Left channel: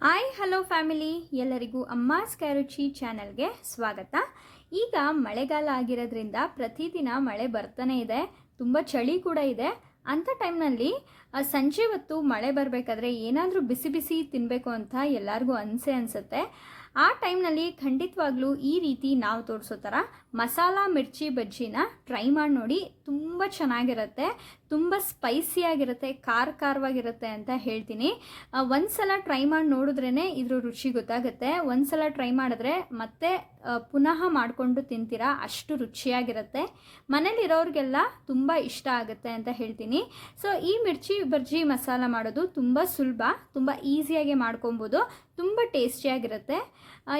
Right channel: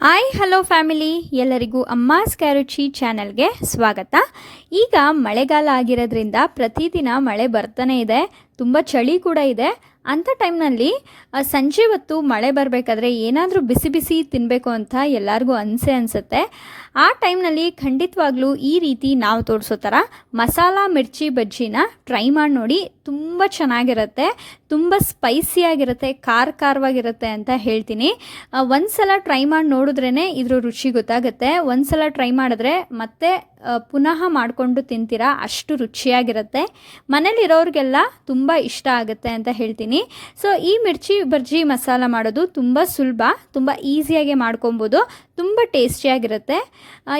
Hi hello family, ಎಲ್ಲರಿಗೂ ಅಮ್ಮಾಸ್ ಕ್ಯಾರುಚಿ ಚಾನಲ್ಗೆ ಸ್ವಾಗತ. ಈಗ ಮಳೆಗಾಲ ಆಗಿರೋದ್ರಿಂದ ಪ್ರತಿದಿನ ಮಳೆ ಬರ್ತಾನೆ ಇದೆ, ತುಂಬ ಚಳಿ ಕೂಡ ಇದೆ. ಅಂಥ ಟೈಮ್ನಲ್ಲಿ ಸಂಜೆ ಹೊತ್ತು ಮಳೆ ಬರಬೇಕಾದ್ರೆ ಏನಾದರೂ ಬಿಸಿ ಬಿಸಿ ತಿನ್ನಬೇಕು ಅಂತ ಎಲ್ಲರಿಗೂ ಅನಿಸುತ್ತೆ. ಆ ಟೈಮ್ನಲ್ಲಿ ಖಂಡಿತವಾಗ್ಲೂ ಈ ರೀತಿ ನಾವು ತೋರಿಸೋ ಥರ ಮಸಾಲ ಮಿರ್ಚಿ ಬಜ್ಜಿನ ಟ್ರೈ ಮಾಡಿ ನೋಡಿ. ತುಂಬ ಚೆನ್ನಾಗಿರುತ್ತೆ, ತುಂಬ ಸ್ಪೈಸಿಯಾಗಿರುತ್ತೆ, ಖಾರವಾಗಿರುತ್ತೆ ಅಂತ ಹೇಳ್ತೀನಿ. ಒಂದು ಸಲ ಟ್ರೈ ಮಾಡಿ ನೋಡಿದ್ರೇ ಇದ್ರ ರುಚಿ ಗೊತ್ತಾಗುತ್ತೆ. ಒಂದು ಸಲ ಟ್ರೈ ಮಾಡಿದ್ರೆ ಮತ್ತೆ ಪುನಃ ಮಾಡಿಕೊಂಡು ತಿಂತೀರಾ, ಅಷ್ಟು ರುಚಿಯಾಗಿರುತ್ತೆ. ಮನೇಲಿರೋರಿಗೆಲ್ಲ ತುಂಬ ಇಷ್ಟ ಆಗುತ್ತೆ ಅಂತ ಹೇಳ್ತೀನಿ. ಸೊ ಈ ಮಿರ್ಚಿ ಬಜ್ಜಿ ಮಸಾಲ ಮಾಡೋದು ತುಂಬ ಸುಲಭ, ತುಂಬ ಈಸಿಯಾಗಿ ಮಾಡ್ಕೊಬೋದು, ತುಂಬ ಟೇಸ್ಟಿಯಾಗಿರುತ್ತೆ.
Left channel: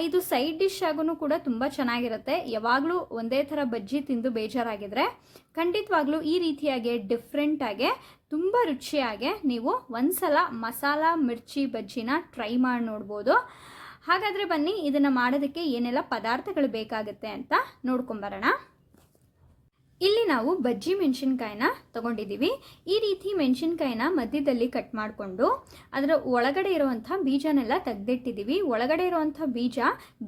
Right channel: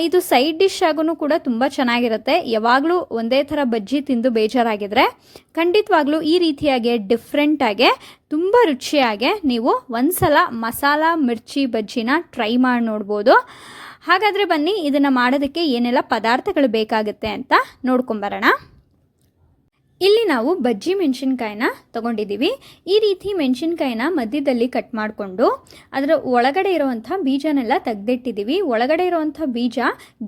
ಇದು ಸೈಡ್ ಡಿಶ್ ಆಗೂ ಕೂಡ ತುಂಬ ಚೆನ್ನಾಗಿರುತ್ತೆ. ಯಾವಾಗಲೂ ಒಂದೇ ಥರ ಬಜ್ಜಿ ತಿಂದು ಬೇಜಾರಾಗಿದ್ದರೆ ಖಂಡಿತವಾಗ್ಲೂ ಈ ರೀತಿಯಾಗಿ ಡಿಫ್ರೆಂಟಾಗೆ ತುಂಬ ರುಚಿಯಾಗೆ ನೀವು ಒಂದು ಸಲ ಮಸಾಲ ಮಿರ್ಚಿ ಬಜ್ಜಿನ ಟ್ರೈ ಮಾಡಿ ನೋಡ್ಬೋದು. ಹಾಗಾದರೆ ಬನ್ನಿ, ಇದನ್ನು ಮಾಡೋದಕ್ಕೆ ಏನೆಲ್ಲ ಪದಾರ್ಥಗಳು ಬೇಕಾಗುತ್ತೆ ಅಂತ ನೋಡ್ಕೊಂಬರೋಣ. ಇಲ್ಲಿ ನಾವು ಬಜ್ಜಿ ಮೆಣಸಿನ್ಕಾಯಿನ ತೊಗೊಂಡಿದ್ದೀವಿ. ಈ ರೀತಿ ಮೆಣಸಿನ್ಕಾಯಿನ ಮಧ್ಯದಲ್ಲಿ ಕಟ್ ಮಾಡಿಕೊಂಡು ಅದರ ಒಳಗಡೆ ಇರುವಂಥ ಬೀಜನೆಲ್ಲ ತೆಗೆದಿಟ್ಟಿದ್ದೀವಿ. ಒಳಗಡೆ ಇರುವಂಥ ಬೀಜ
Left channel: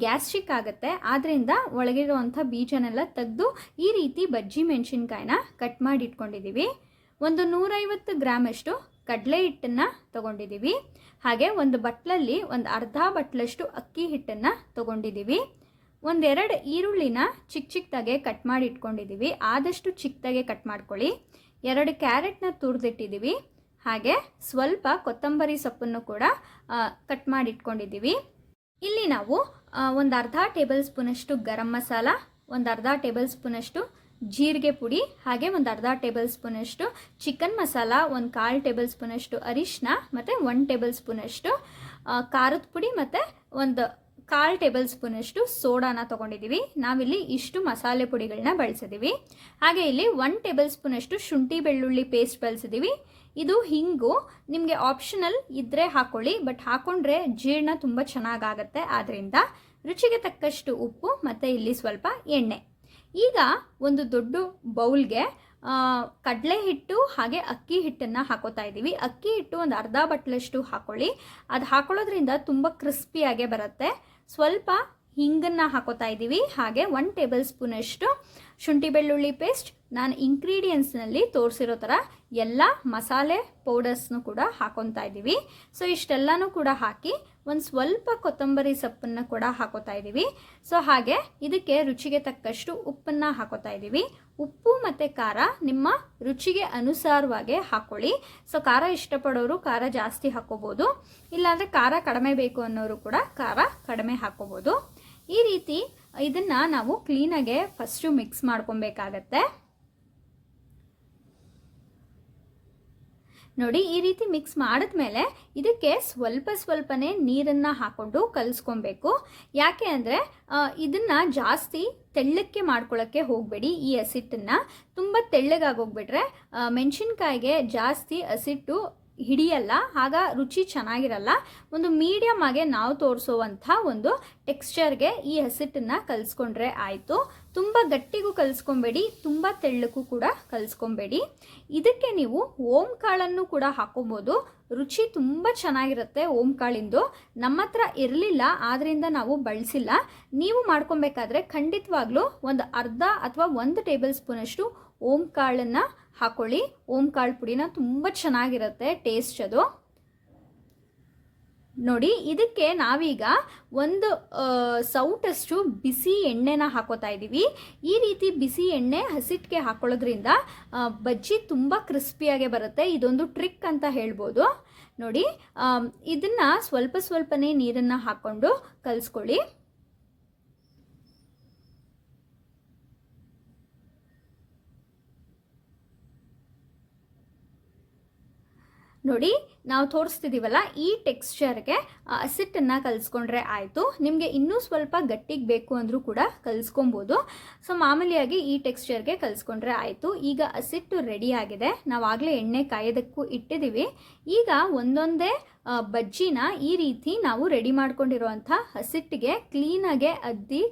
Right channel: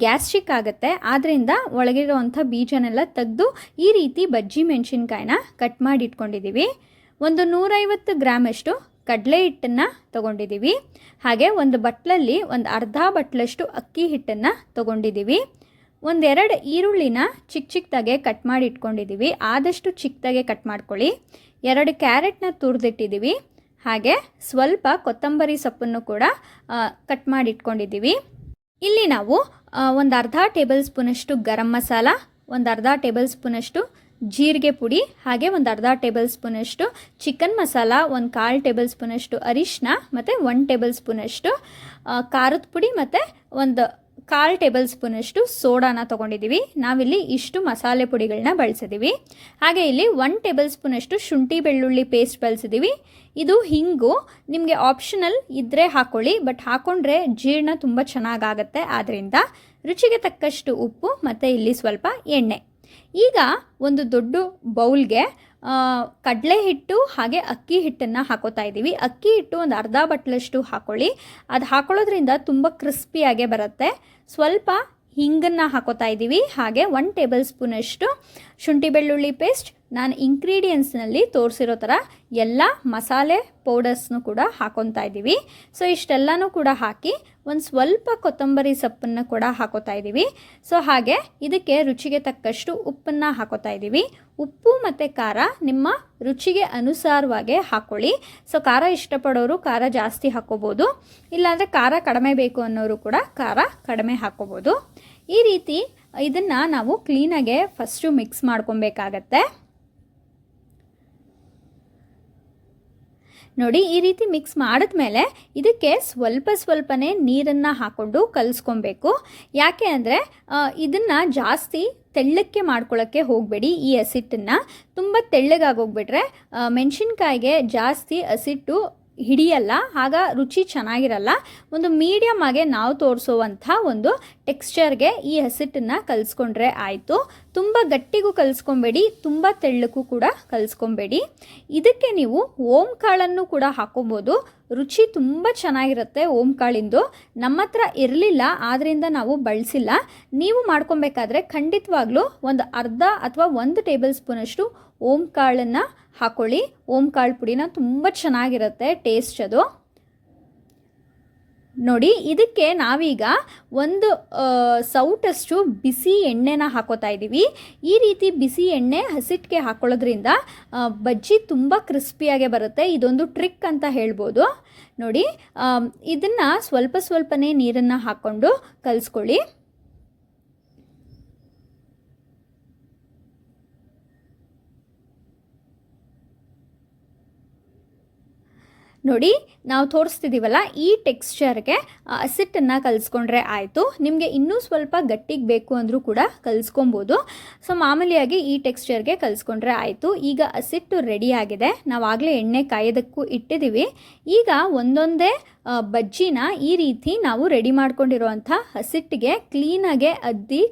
ಗ್ಯಾಸ್ಟ್ರಿಕ್ ಆಗುತ್ತೆ, ಆದ್ದರಿಂದ ಒಳಗಿರುವಂಥ ಬೀಜನೆಲ್ಲ ತೆಗೆದು ಈ ರೀತಿ ಬಜ್ಜಿ ಮೆಣಸಿನ್ಕಾಯಿನ ಕಟ್ ಮಾಡಿ ಇಟ್ಕೊಂಡಿದ್ದೀವಿ. ಒಂದು 150 ಗ್ರಾಮಷ್ಟು ಕಡಲೆ ಹಿಟ್ಟನ್ನು ತೊಗೊಂಡಿದ್ದೀವಿ. ಹಾಗೆ ಒಂದು ಬಟ್ಲಲ್ಲಿ ಒಂದು ಅರ್ಧ ಬಟ್ಲಷ್ಟು ಅಕ್ಕಿ ಹಿಟ್ಟನ್ನು ತೊಗೊಂಡಿದ್ದೀವಿ. ಒಂದೆರಡು ಈರುಳ್ಳಿನ ಚಿಕ್ಕದಾಗೆ ಕಟ್ ಮಾಡಿ ಇಟ್ಕೊಂಡಿದ್ದೀವಿ, ಆದಷ್ಟು ಚಿಕ್ಕದಾಗೆ ಕಟ್ ಮಾಡ್ಕೊಳ್ಳಿ. 2 ಕ್ಯಾರೆಟ್ನ ತುರಿದಿಟ್ಟಿದ್ದೀವಿ. ಹಾಗೆ ಸ್ವಲ್ಪ ಕೊತ್ತಂಬರಿ ಸೊಪ್ಪನ್ನು ಕೂಡ ಕಟ್ ಮಾಡಿ ಇಟ್ಕೊಂಡಿದ್ದೀವಿ. ಇಲ್ಲಿ ನಾವು ಒಂದು ಅರ್ಧ ಟೇಬಲ್ ಸ್ಪೂನಷ್ಟು ಗರಂ ಮಸಾಲ, ಒಂದು ಅರ್ಧ ಟೇಬಲ್ ಸ್ಪೂನಷ್ಟು ಜೀರಿಗೆ ಪುಡಿ, ಹಾಗೆ ಒಂದು ಅರ್ಧ ಟೇಬಲ್ ಸ್ಪೂನಷ್ಟು ಚಿಕನ್ ಮಸಾಲ, ಒಂದು 1/4 ಟೇಬಲ್ ಸ್ಪೂನಷ್ಟು ಅರಿಶಿನ, ಮತ್ತು 1 ಟೇಬಲ್ ಸ್ಪೂನಷ್ಟು ಖಾರದ ಪುಡಿ, ಮತ್ತು ಒಂದು 1/4 ಟೇಬಲ್ ಸ್ಪೂನಷ್ಟು ಸೋಡಾನ ತೊಗೊಂಡಿದ್ದೀವಿ. ನಾವಿಲ್ಲಿ ಇಷ್ಟು ಮಸಾಲೆ ಪುಡಿಗಳನ್ನ ಬಳಸಿದ್ದೀವಿ. ಹಾಗೆ ಇಲ್ಲಿ 1 ಟೇಬಲ್ ಸ್ಪೂನಷ್ಟು ಶುಂಠಿ ಬೆಳ್ಳುಳ್ಳಿ ಪೇಸ್ಟ್ ಬಳಸಿದ್ದೀವಿ. ಇದು ಹಿಂಗು ನಿಮಗೆ ಆಪ್ಷನಲ್ ಇದ್ದರೆ ಹಾಕ್ಕೊಳ್ಳಿ, ಬಟ್ ಹಾಕ್ಕೊಂಡ್ರೆ ಜೀರ್ಣ ತುಂಬ ಚೆನ್ನಾಗಾಗತ್ತೆ. ಆದ್ದರಿಂದ ರುಚಿಗೆ ತಕ್ಕಷ್ಟು ಉಪ್ಪು ಮತ್ತು ಇಲ್ಲಿ ಸ್ವಲ್ಪ ಎಣ್ಣೆ. ಈಗ ಒಂದು ದೊಡ್ಡ ಬೌಲ್ಗೆ ಕಡಲೆ ಹಿಟ್ಟು ಹಾಗೆ ಅಕ್ಕಿ ಹಿಟ್ಟನ್ನು ಹಾಕೋತಾ ಇದ್ದೀವಿ. ಅಕ್ಕಿ ಹಿಟ್ಟು ಒಂದು ಅರ್ಧ ಬಟ್ಲಷ್ಟು ಹಾಕ್ಕೊಳ್ಳಿ, ಅದು ಹಾಕೊಳ್ಳೋದ್ರಿಂದ ತುಂಬ ಕ್ರಿಸ್ಪಿಯಾಗೆ ಬರುತ್ತೆ. ಸ್ವಲ್ಪ ಹಿಂಗನ್ನು ಹಾಕೋತಾ ಇದ್ದೀವಿ. ಹಾಗೆ 1 ಟೇಬಲ್ ಸ್ಪೂನಷ್ಟು ಶುಂಠಿ ಬೆಳ್ಳುಳ್ಳಿ ಪೇಸ್ಟ್. ನಾನು ಇಂಗ್ರೀಡಿಯೆಂಟ್ಸ್ನಲ್ಲಿ ತೋರಿಸಿರೋ ಥರ ಎಲ್ಲ ಮಸಾಲೆ ಪೌಡರ್ಸ್ನು ಕೂಡ ಹಾಕೊತಾ ಇದ್ದೀವಿ. ಸೊ ಇಷ್ಟೆಲ್ಲನೂ ಕೂಡ ಹಾಕಿ ಒಂದು ಸ್ವಲ್ಪ ಕೊತ್ತಂಬರಿ ಸೊಪ್ಪನ್ನು ಕೂಡ ಹಾಕೋತಾ ಇದ್ದೀವಿ. ಸೊ ಹಾಗೆ ಇದಕ್ಕೆ ರುಚಿಗೆ ತಕ್ಕಷ್ಟು ಉಪ್ಪನ್ನು ಹಾಕೋತಾ ಇದ್ದೀವಿ. ಉಪ್ಪು ಮತ್ತು ಖಾರ ನಿಮ್ಮ ರುಚಿಗೆ ಅನುಸಾರವಾಗಿ ಹಾಕ್ಕೊಳ್ಳಿ. ಸೊ ಖಾರ ಇಷ್ಟಪಡೋರು ಖಾರ ಜಾಸ್ತಿ ಹಾಕ್ಕೋಬೋದು, ಇಲ್ಲಾಂದರೆ ಖಾರ ಕಡಿಮೆ ಬೇಕು ಅನ್ನೋರು ಕೂಡ ಖಾರ ಕಡಿಮೆ ಹಾಕ್ಕೋಬೋದು. ಈ ರೀತಿ ಇದನ್ನು ನಾವು ಕ್ಲೀನಾಗೆ ಫಸ್ಟು ಮಿಕ್ಸ್ ಮಾಡ್ಕೊಬೇಕಾಗತ್ತೆ. ನೋಡಿ, ಈ ರೀತಿ ಮಿಕ್ಸ್ ಮಾಡಿದ್ಮೇಲೆ ಇದಕ್ಕೆ ಸ್ವಲ್ಪನೇ ನೀರನ್ನು ಹಾಕ್ಕೊಂಡು ಕಲಿಸ್ಕೊಬೇಕು. ಯಾಕೆ ಅಂದರೆ ಇದನ್ನು ಜಾಸ್ತಿ ತೆಳ್ಳಕ್ಕೆ ಮಾಡ್ಕೊಳ್ಳೋಕ್ಕೆ ಹೋಗಬೇಡಿ. ಈ ಹಸಿಟ್ಟನ್ನು ತುಂಬ ತೆಳ್ಳಗಾಗೋಗ್ಬಿಟ್ರೆ ಮೆಣಸಿನ್ಕಾಯಿಗೆ ಜಾಸ್ತಿ ಹಸಿಟ್ಟು ಹಿಡಿಯಲ್ಲ, ಆಗ ರುಚಿ ಚೆನ್ನಾಗಿರಲ್ಲ. ಒಂದು ಮೀಡಿಯಮ್ ಆಗಿ ನಾವು ತೋರಿಸುವಂಥ ಒಂದು ಟೆಕ್ಸ್ಚರ್ಗೆ ಈ ಹಸಿಟ್ಟನ್ನು ಕಲಿಸ್ಕೊಂಡ್ರೆ ಆಯಿತು. ತುಂಬ ಗಟ್ಟಿಗೂ ಕಲಿಸ್ಕೊಬೇಡಿ, ತುಂಬ ತೆಳ್ಳಕ್ಕೂ ಕೂಡ ಕಲಿಸ್ಕೊಬೇಡಿ. ಇದಕ್ಕೆ ನೀವು ಓಂ ಕಾಳನ್ನು ಕೂಡ ಹಾಕೋಬೋದು, ರುಚಿ ತುಂಬ ಚೆನ್ನಾಗಿರುತ್ತೆ. ಓಂ ಕಾಳಿಂದು ನಮ್ಮ ಹತ್ರ ಇರಲಿಲ್ಲ, ಆದ್ದರಿಂದ ನಾವು ಬಳಸಿಲ್ಲ. ನೀವು ಮಾಡ್ಕೊಬೇಕಾದ್ರೆ ಖಂಡಿತವಾಗ್ಲೂ ಒಂದು ಅರ್ಧ ಅಥವಾ 1 ಟೇಬಲ್ ಸ್ಪೂನಷ್ಟು ಓಂ ಕಾಳನ್ನು ಹಾಕೊಳ್ಳಿ. ಓಂ ಕಾಳು ಪುಡಿನ ತುಂಬ ಚೆನ್ನಾಗಿರುತ್ತೆ ಟೇಸ್ಟ್ ಅದು. ನೋಡಿ, ಇದಕ್ಕೆ ನಾವೀಗ ಒಂದು ಸೌಟಷ್ಟು ಬಿಸಿ ಎಣ್ಣೆನ ಹಾಕೋತಾ ಇದ್ದೀವಿ. ಈ ರೀತಿ ಬಿಸಿ ಎಣ್ಣೆ ಹಸಿಟ್ಟಿಗೆ ಹಾಕೊಳ್ಳೋದ್ರಿಂದ ಬಜ್ಜಿ ತುಂಬ ಕ್ರಿಸ್ಪಿಯಾಗೆ ಬರುತ್ತೆ. ಇದೊಂದು ಟ್ರಿಕ್ ಅಂತ ಹೇಳ್ಬೋದು. ನೋಡಿ, ಇದನ್ನು ಸ್ವಲ್ಪನೇ ನೀರನ್ನು ಹಾಕ್ಕೊಂಡು ಕಲಿಸ್ಕೊಳ್ಳಿ. ನೋಡಿ, ನಾವು ತೋರಿಸ್ತಿದ್ದೀವಲ್ಲ, ಈ ಟೆಕ್ಸ್ಚರ್ಗೆ ಹಸಿಟ್ಟನ್ನು ಕಲಿಸ್ಕೊಂಡ್ರೆ ಆಯಿತು. ನಿಮಗೆ ಇನ್ನೂ ಸ್ವಲ್ಪ ಗಟ್ಟಿಗೆ ಬೇಕು ಅಂದರೂ ಕೂಡ ಕಲಿಸ್ಕೊಬೋದು. ಸೊ ಮಾಮೂಲಿಯಾಗಿ ಈ ಟೆಕ್ಸ್ಚರ್ಗೆ ಕಲಿಸ್ಕೊಂಡ್ರೆ ಆಯಿತು. ಈಗ ಹಸಿಟ್ಟು ರೆಡಿಯಾಗಿದೆ. ನಾವಾಗಲೇ ಎಣ್ಣೆ ಕಾಯೋದಕ್ಕೂ ಇಟ್ಟಿದ್ದೀವಿ. ಈಗ ಒಂದೊಂದೇ ಬಜ್ಜಿನ ಈ ರೀತಿ ನಾವು ರೆಡಿ ಮಾಡ್ಕೊಂಡಿರುವಂಥ ಹಸಿಟ್ಟಿಗೆ ಕ್ಲೀನಾಗೆ ಅದ್ದಿ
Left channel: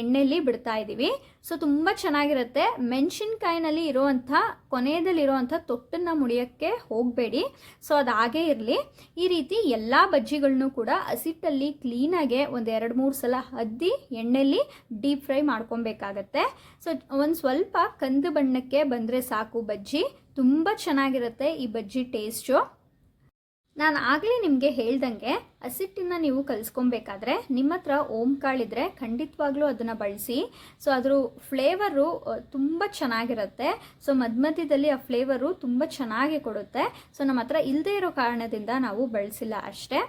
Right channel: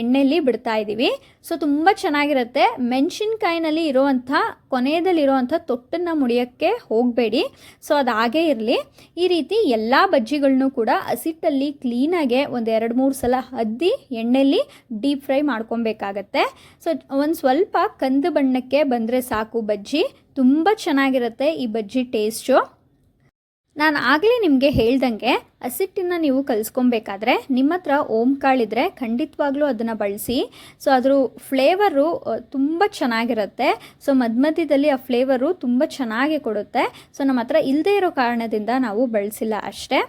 ಎಣ್ಣೆಯಲ್ಲಿ ಬಿಡ್ತಾ ಇದ್ದೀವಿ. ಸೊ ತುಂಬ ಚೆನ್ನಾಗಿರುತ್ತೆ. ಮೆಣಸಿನ್ಕಾಯಿನಲ್ಲಿ ಇರೋವಂಥ ಕೊನೆಯದಲ್ಲಿರೋವಂಥ ತೊಟ್ಟನ್ನು ಮುಡಿಯೋಕ್ಕೆ ಹೋಗಬೇಡಿ. ಸೊ ಅದು ಹಾಗೇ ಇರಲಿ. ಈ ರೀತಿ ಎಲ್ಲ ಬಜ್ಜಿಗಳನ್ನೂ ಕೂಡ ಹಸಿಟ್ಟಲ್ಲಿ ಕ್ಲೀನಾಗೆ ಒಂದು 2-3 ಸಲ ಅದ್ದಿ ಎಣ್ಣೆಯಲ್ಲಿ ಡೀಪ್ ಫ್ರೈ ಮಾಡ್ಕೊಬೇಕಾಗತ್ತೆ. ಸೊ ಒಂದು ಸ್ವಲ್ಪ ಕಂದು ಬಣ್ಣಕ್ಕೆ ಬಂದರೆ ಸಾಕು ಬಜ್ಜಿ. ತುಂಬ ಚೆನ್ನಾಗಿರುತ್ತೆ ಈ ಬಜ್ಜಿ ಟೇಸ್ಟು. ನಾನು ಆಗಲೇ ನಿಮಗೆ ಹೇಳ್ದಂಗೆ ಹಸಿಟ್ಟನ್ನು ನೀವು ಕಲಿಸ್ಕೊಬೇಕಾದ್ರೆ ನಿಮ್ಮ ಹತ್ರ ಓಂಕಾಳಿದ್ರೆ ಖಂಡಿತವಾಗ್ಲೂ ಅದನ್ನು ಬಳಸಿ. ಸೊ ಅದ್ರ ಫ್ಲೇವರು ತುಂಬ ಚೆನ್ನಾಗಿರುತ್ತೆ. ಸೊ ಮಧ್ಯದಲ್ಲಿ ಆ ಫ್ಲೇವರು ತುಂಬ ಚೆನ್ನಾಗಿ ಕೊಡುತ್ತೆ. ಸೊ ನಮ್ಮ ಹತ್ರ ಇಲ್ಲದೇ ಇರೋ ಕಾರಣದಿಂದ ನಾವು ಬಳಸಿಲ್ಲ ಅಷ್ಟೇ.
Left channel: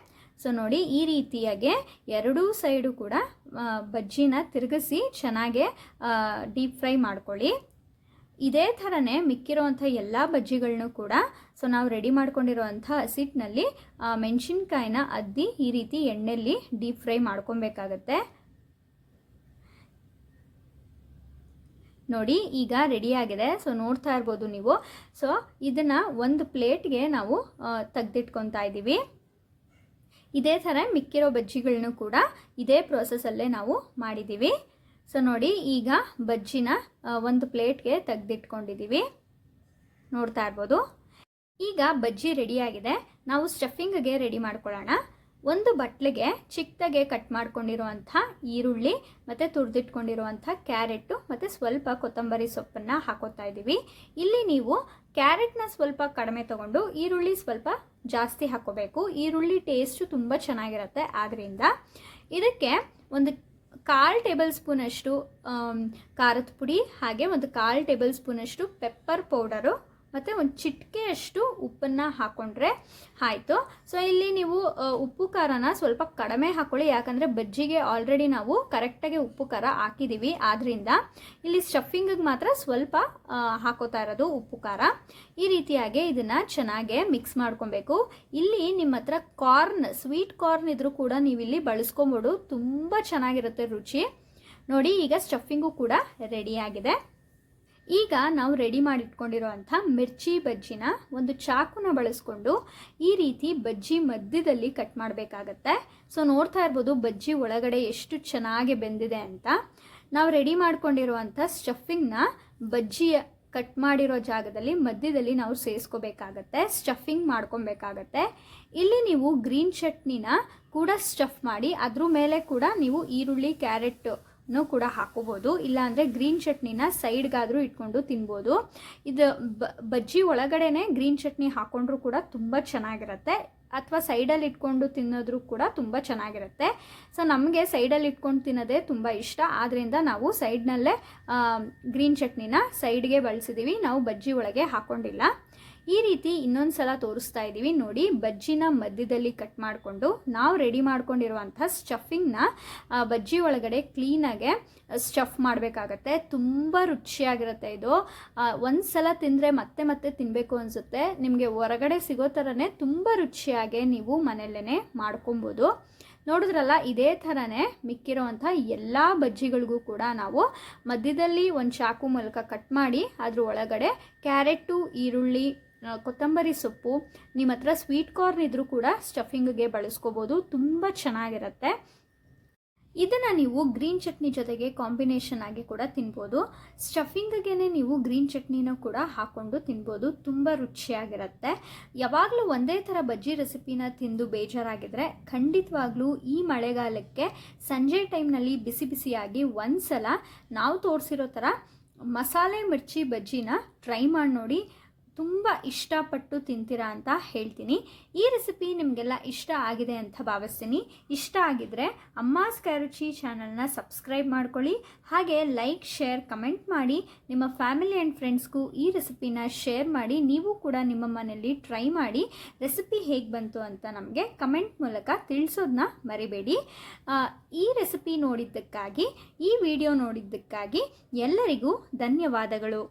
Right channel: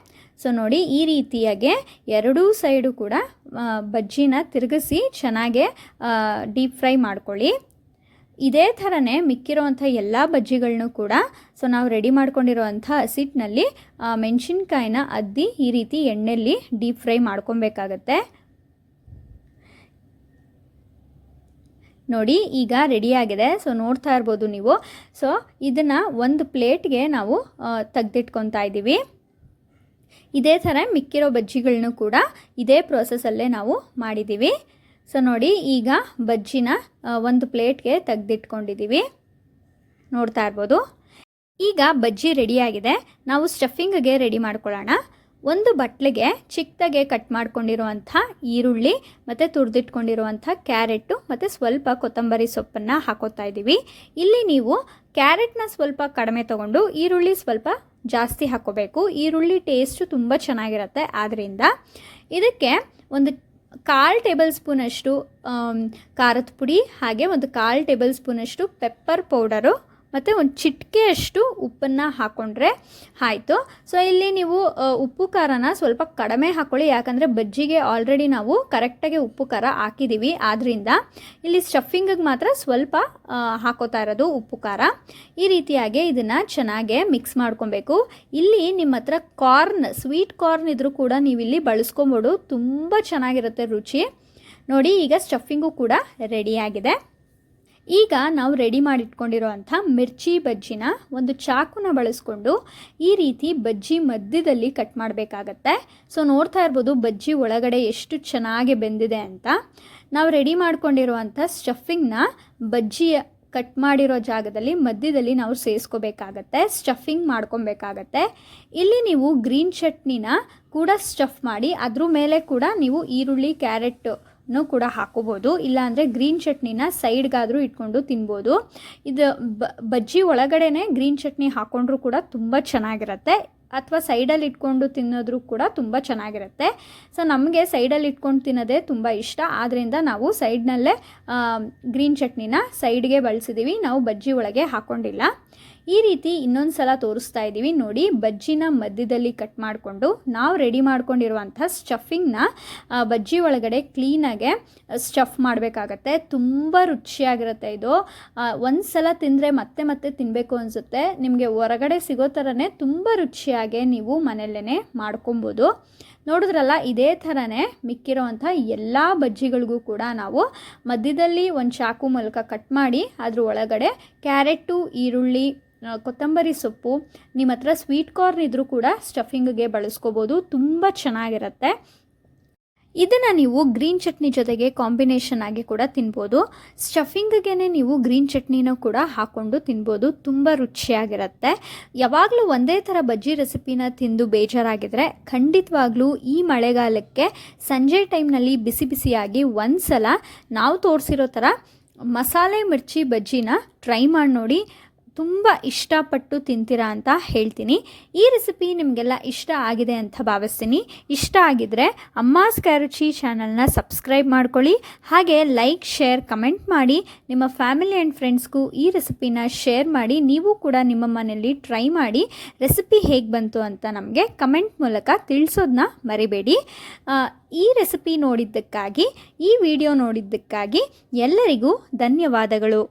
ಸೊ ನೋಡಿ, ಈ ರೀತಿಯಾಗಿ ಎರಡೂ ಸೈಡು ಕೂಡ ಬಜ್ಜಿನ ತಿರುಗಿಸಿ ಚೆನ್ನಾಗೆ ಡೀಪ್ ಫ್ರೈ ಮಾಡ್ಕೊಳ್ಳಿ. ಇದೇ ಥರನೇ ಮಿಕ್ಕಿರೋವಂಥ ಎಲ್ಲ ಬಜ್ಜಿಗಳನ್ನೂ ಕೂಡ ಸೊ ನಾವು ರೆಡಿ ಮಾಡ್ಕೊಂಡಿರೋವಂಥ ಹಸಿಟ್ಟಿನಲ್ಲಿ ಮೆಣಸಿನ್ಕಾಯಿನ ಅದ್ದಿ ಈ ರೀತಿ ಎಣ್ಣೆಯಲ್ಲಿ ಡೀಪ್ ಫ್ರೈ ಮಾಡ್ಕೊಬೇಕಾಗತ್ತೆ. ನೋಡಿ, ಈಗ ರೆಡಿಯಾಗಿದೆ. ಸೊ ನೋಡ್ತಾ ಇರ್ಬೋದು ನೀವು. ಸೊ ಇದನ್ನು ಒಂದು ಪ್ಲೇಟ್ಗೆ ನಾವು ತೆಗೆದಿಟ್ಕೊತಾ ಇದ್ದೀವಿ. ಇದೇ ಥರ ಮಿಕ್ಕಿರೋ ಬಜ್ಜಿಗಳನ್ನೂ ಕೂಡ ಇದೇ ಪ್ರೋಸೆಸ್ಸಲ್ಲೇ ನಾವು ಮಾಡಿದ್ದೀವಿ. ಸೊ ನೋಡಿ, ಈಗ ಬಜ್ಜಿನ ಒಂದು ಪ್ಲೇಟ್ಗೆ ತೆಗೆದಿಟ್ಕೊಂಡಿದ್ದೀವಿ. ನೋಡ್ತಾ ಇರ್ಬೋದು. ಈಗ ಬಜ್ಜಿ ರೆಡಿಯಾಗಿದೆ. ನಾವು ಸ್ಟಫಿಂಗ್ಗೆ ರೆಡಿ ಮಾಡ್ಕೊಳ್ಳೋಣ. ಒಂದು ಬಟ್ಲಿಗೆ ಚಿಕ್ಕದಾಗೆ ಕಟ್ ಮಾಡ್ಕೊಂಡಿರುವಂಥ ಈರುಳ್ಳಿ ಮತ್ತು ತುರಿದಿಟ್ಕೊಂಡಿರುವಂಥ ಕ್ಯಾರೆಟು ಮತ್ತು ಸ್ವಲ್ಪ ಕೊತ್ತಂಬರಿ ಸೊಪ್ಪನ್ನು ಹಾಕೋತಾ ಇದ್ದೀವಿ. ಇಲ್ಲಿ ನೀವು ಕ್ಯಾರೆಟ್ನ ಸ್ವಲ್ಪ ಕಡಿಮೆ ತೊಗೊಂಡು ಈರುಳ್ಳಿ ಸ್ವಲ್ಪ ಜಾಸ್ತಿ ಹಾಕೋಬೇಕು. ಈರುಳ್ಳಿ ಟೇಸ್ಟು ತುಂಬ ಚೆನ್ನಾಗಿರುತ್ತೆ. ಆದ್ದರಿಂದ ಇದಕ್ಕೆ ಒಂದು 1/4 ಟೇಬಲ್ ಸ್ಪೂನಷ್ಟು ಖಾರದ ಪುಡಿ, ಹಾಗೆ ಒಂದು 1/4 ಟೇಬಲ್ ಸ್ಪೂನಷ್ಟು ಪೆಪ್ಪರ್ ಪೌಡರು ಮತ್ತು ಒಂದು ಚಿಟಿಕೆಯಷ್ಟು ಉಪ್ಪನ್ನು ಹಾಕ್ಕೊಂಡ್ರೆ ಆಯಿತು. ಸೊ ಇಲ್ಲಿ ನೀವು ಉಪ್ಪು ಖಾರನ ಸ್ವಲ್ಪ ಕಡಿಮೆ ಹಾಕ್ಕೊಳ್ಳಿ, ಯಾಕಂದರೆ ಬಜ್ಜಿಗೆ ಆಲ್ರೆಡಿ ನಾವು ಕರೆಕ್ಟಾಗಿ ಉಪ್ಪು ಖಾರ ಹಾಕಿದ್ದೀವಿ. ಆದ್ದರಿಂದ ಇಲ್ಲಿ ಸ್ಟಫಿಂಗಿಗೆ ಮಾತ್ರ ಸ್ವಲ್ಪ ಹಾಕೋತಾ ಇರೋದು ಉಪ್ಪು ಖಾರ. ಈ ರೀತಿಯಾಗಿ ಇದನ್ನು ಚೆನ್ನಾಗೆ ಮಿಕ್ಸ್ ಮಾಡ್ಕೊಬೇಕು. ಇಲ್ಲಿ ನಿಮ್ಮ ಹತ್ರ ಸ್ವೀಟ್ ಕಾರ್ನ್ ಇದ್ರೂ ಕೂಡ ನೀವಿಲ್ಲಿ ಬಳಸ್ಕೊಬೋದು. ತುಂಬ ಚೆನ್ನಾಗಿರುತ್ತೆ ರುಚಿ. ನೋಡಿ, ಈಗ ಸ್ಟಫಿಂಗು ಕೂಡ ರೆಡಿಯಾಗಿದೆ. ಈಗ ನಾವು ರೆಡಿ ಮಾಡಿಟ್ಕೊಂಡಿರೋವಂಥ ಮಿರ್ಚಿ ಬಜ್ಜಿನ ಒಂದು ಚಾಕುನ ಬಳಸ್ಕೊಂಡು ಈ ರೀತಿ ಬಜ್ಜಿ ಮಧ್ಯದಲ್ಲಿ ಕಟ್ ಮಾಡಬೇಕಾಗತ್ತೆ. ಸೊ ನೋಡ್ತಾ ಇರ್ಬೋದು ಬಜ್ಜಿ ಒಳಗಡೆ ಎಷ್ಟು ಚೆನ್ನಾಗಿ ಬೆಂದಿದೆ ಅಂತ. ನಾವು ರೆಡಿ ಮಾಡ್ಕೊಂಡಿರುವಂಥ ಸ್ಟಫಿಂಗ್ನ ಬಜ್ಜಿಯ ಕಟ್ ಮಾಡಿರೋ ಜಾಗದಲ್ಲಿ ಮಧ್ಯದಲ್ಲಿ ನಾವು ಸೇರಿಸ್ಕೋಬೇಕಾಗತ್ತೆ, ಸ್ಟಫಿಂಗ್ ಮಾಡ್ಕೊಬೇಕಾಗತ್ತೆ. ಇಲ್ಲಿ ನೀವು ಗ್ರೀನ್ ಚಟ್ನಿನ ಕೂಡ ಸ್ಟಫ್ ಮಾಡಿ ಅದ್ರ ಮೇಲೆ ಕೂಡ ನೀವು ಈರುಳ್ಳಿ ಕ್ಯಾರೆಟ್ ಕೂಡ ಹಾಕೋಬೋದು. ಇಲ್ಲಾಂದರೆ ಗ್ರೀನ್ ಚಟ್ನಿನ ಸೈಡ್ಗಾದರೂ ಇಟ್ಕೊಂಡು ತಿನ್ಬೋದು. ಇದು ಬಜ್ಜಿ ಒಳಗಡೆನೆ ಗ್ರೀನ್ ಚಟ್ನಿ ಹಾಕ್ಕೊಂಡ್ರೂ ಕೂಡ ತುಂಬ ಚೆನ್ನಾಗಿರುತ್ತೆ, ಅಥವಾ ಸೈಡಲ್ಲಿ ಇಟ್ಕೊಂಡು ತಿನ್ನೋದ್ರೂ ಕೂಡ ತುಂಬ ಚೆನ್ನಾಗಿರುತ್ತೆ. ಸೊ ನಮಗೆ ಸೈಡಲ್ಲಿ ಇಟ್ಕೊಂಡು ತಿನ್ನೋದೇ ತುಂಬ ಇಷ್ಟ. ಆದ್ದರಿಂದ ನಾವು ಸೈಡ್ನಲ್ಲೇ ಗ್ರೀನ್ ಚಟ್ನಿನ ಸೈಡ್ಗೆ ಬಳಸಿದ್ದೀವಿ, ನಾವು ಬಜ್ಜಿ ಒಳಗೆ ಹಾಕ್ಕೊಂಡಿಲ್ಲ. ಈ ರೀತಿ ಇನ್ನೊಂದು ಸಲ ತೋರಿಸ್ತಾ ಇದ್ದೀವಿ. ನೋಡಿ, ಬಜ್ಜಿನ ಮಧ್ಯದಲ್ಲಿ ಕಟ್ ಮಾಡಿಕೊಂಡು ನಾವು ರೆಡಿ ಮಾಡ್ಕೊಂಡಿರುವಂಥ ಸ್ಟಫಿಂಗ್ನ ಬಜ್ಜಿ ಒಳಗಡೆ ಕ್ಲೀನಾಗೆ ಸ್ಟಫ್ ಮಾಡಬೇಕಾಗತ್ತೆ. ತುಂಬ ರುಚಿಯಾಗಿರುತ್ತೆ ಇದು. ಒಂದು ಸಲ ತಿಂದರೆ ಮತ್ತೆ ಮತ್ತೆ ತಿನ್ನಬೇಕು ಅನಿಸುತ್ತೆ. ನಿಮಗೆ ಹೊರಗಡೆ ಸಿಗೋ ಥರನೇ ತುಂಬ ರುಚಿಯಾಗಿ ನೀವು ಮನೆಯಲ್ಲೇ ಮಾಡ್ಕೊಬೋದು. ನೋಡಿದ್ರಲ್ಲ, ಇದೇ ಥರನೇ ಮಿಕ್ಕಿರೋವಂಥ ಎಲ್ಲ ಬಜ್ಜಿಗಳಿಗೂ ಕೂಡ ನಾವು ಮಧ್ಯದಲ್ಲಿ ಒಂದು ಚಾಕು ಮೂಲಕ ಕಟ್ ಮಾಡಿ ಅದ್ರ ಒಳಗಡೆ ಕ್ಯಾರೆಟು, ಈರುಳ್ಳಿ, ಕೊತ್ತಂಬರಿ ಸೊಪ್ಪು, ನಿಮ್ಮ ಹತ್ರ ಸ್ವೀಟ್ ಕಾರ್ನ್ ಇದ್ರೂ ಕೂಡ ಸ್ಟಫಿಂಗ್ಗೆ ಬಳಸ್ಕೋಬೋದು. ತುಂಬ ಚೆನ್ನಾಗಿರುತ್ತೆ. ಇದನ್ನು ನೀವು ಗ್ರೀನ್ ಚಟ್ನಿ ಜೊತೆಗೆ ಕಾಂಬಿನೇಷನ್ ಆಗಿ ಕೂಡ ತಿನ್ಬೋದು. ಸ್ಟಫಿಂಗ್ಗೆ ನೀವು ಗ್ರೀನ್ ಚಟ್ನಿನೂ ಕೂಡ ಹಾಕ್ಕೊಂಡು ತಿನ್ಬೋದು. ತುಂಬ ರುಚಿಯಾಗಿರುತ್ತೆ. ಯಾವಾಗಲೂ ಒಂದೇ ಥರ ಬಜ್ಜಿ ರೆಸಿಪಿನ ತಿಂದು ಬೇಜಾರಾಗಿದ್ದರೆ ಖಂಡಿತವಾಗ್ಲೂ ಈ ಮಳೆಗಾಲಕ್ಕೆ ಸಂಜೆ ಟೈಮ್ನಲ್ಲಿ ಬಿಸಿ ಬಿಸಿಯಾಗಿ ಒಂದು ಸಲ ನಾವು ತೋರಿಸಿರೋ ಥರ ಮಸಾಲೆ ಮಿರ್ಚಿ ಬಜ್ಜಿನ ಟ್ರೈ ಮಾಡಿ ನೋಡಿ. ತುಂಬ ಇಷ್ಟಪಟ್ಟು ತಿಂತೀರಾ ಅಂತ ಹೇಳ್ತೀನಿ. ಈ ರೆಸಿಪಿ ನಿಮಗೆಲ್ಲ ಇಷ್ಟ ಆಗಿದೆ ಅಂತ ಭಾವಿಸ್ತೀನಿ. ಇಷ್ಟ ಆಗಿದ್ದರೆ ಅಮ್ಮಾಸ್ ಕ್ಯಾರುಚಿ ಚಾನಲ್ನ ಸಬ್ಸ್ಕ್ರೈಬ್ ಮಾಡ್ಕೊಳ್ಳಿ. ಹಾಗೆ ಲೈಕ್, ಶೇರ್, ಕಮೆಂಟ್ ಮಾಡಿ ನಿಮ್ಮ ಫ್ಯಾಮಿಲಿ ಆ್ಯಂಡ್ ಫ್ರೆಂಡ್ಸ್ಗೂ ಈ ರೆಸಿಪಿನ ಶೇರ್ ಮಾಡಿ. ನೀವು ಕೂಡ ನಿಮ್ಮ ಮನೆಯಲ್ಲಿ ಟ್ರೈ ಮಾಡಿ ರೆಸಿಪಿ ಹೇಗೆ ಬಂತು ಅಂತ ನಮಗೆ ಕಮೆಂಟ್ ಮೂಲಕ ತಿಳಿಸೋದನ್ನ ಮರಿಬೇಡಿ. ಈ ರೆಸಿಪಿ ನೋಡಿದ್ದಕ್ಕಾಗಿ, ಈ ವಿಡಿಯೋ ನೋಡಿದ್ದಕ್ಕಾಗಿ ಎಲ್ಲರಿಗೂ ಧನ್ಯವಾದಗಳು.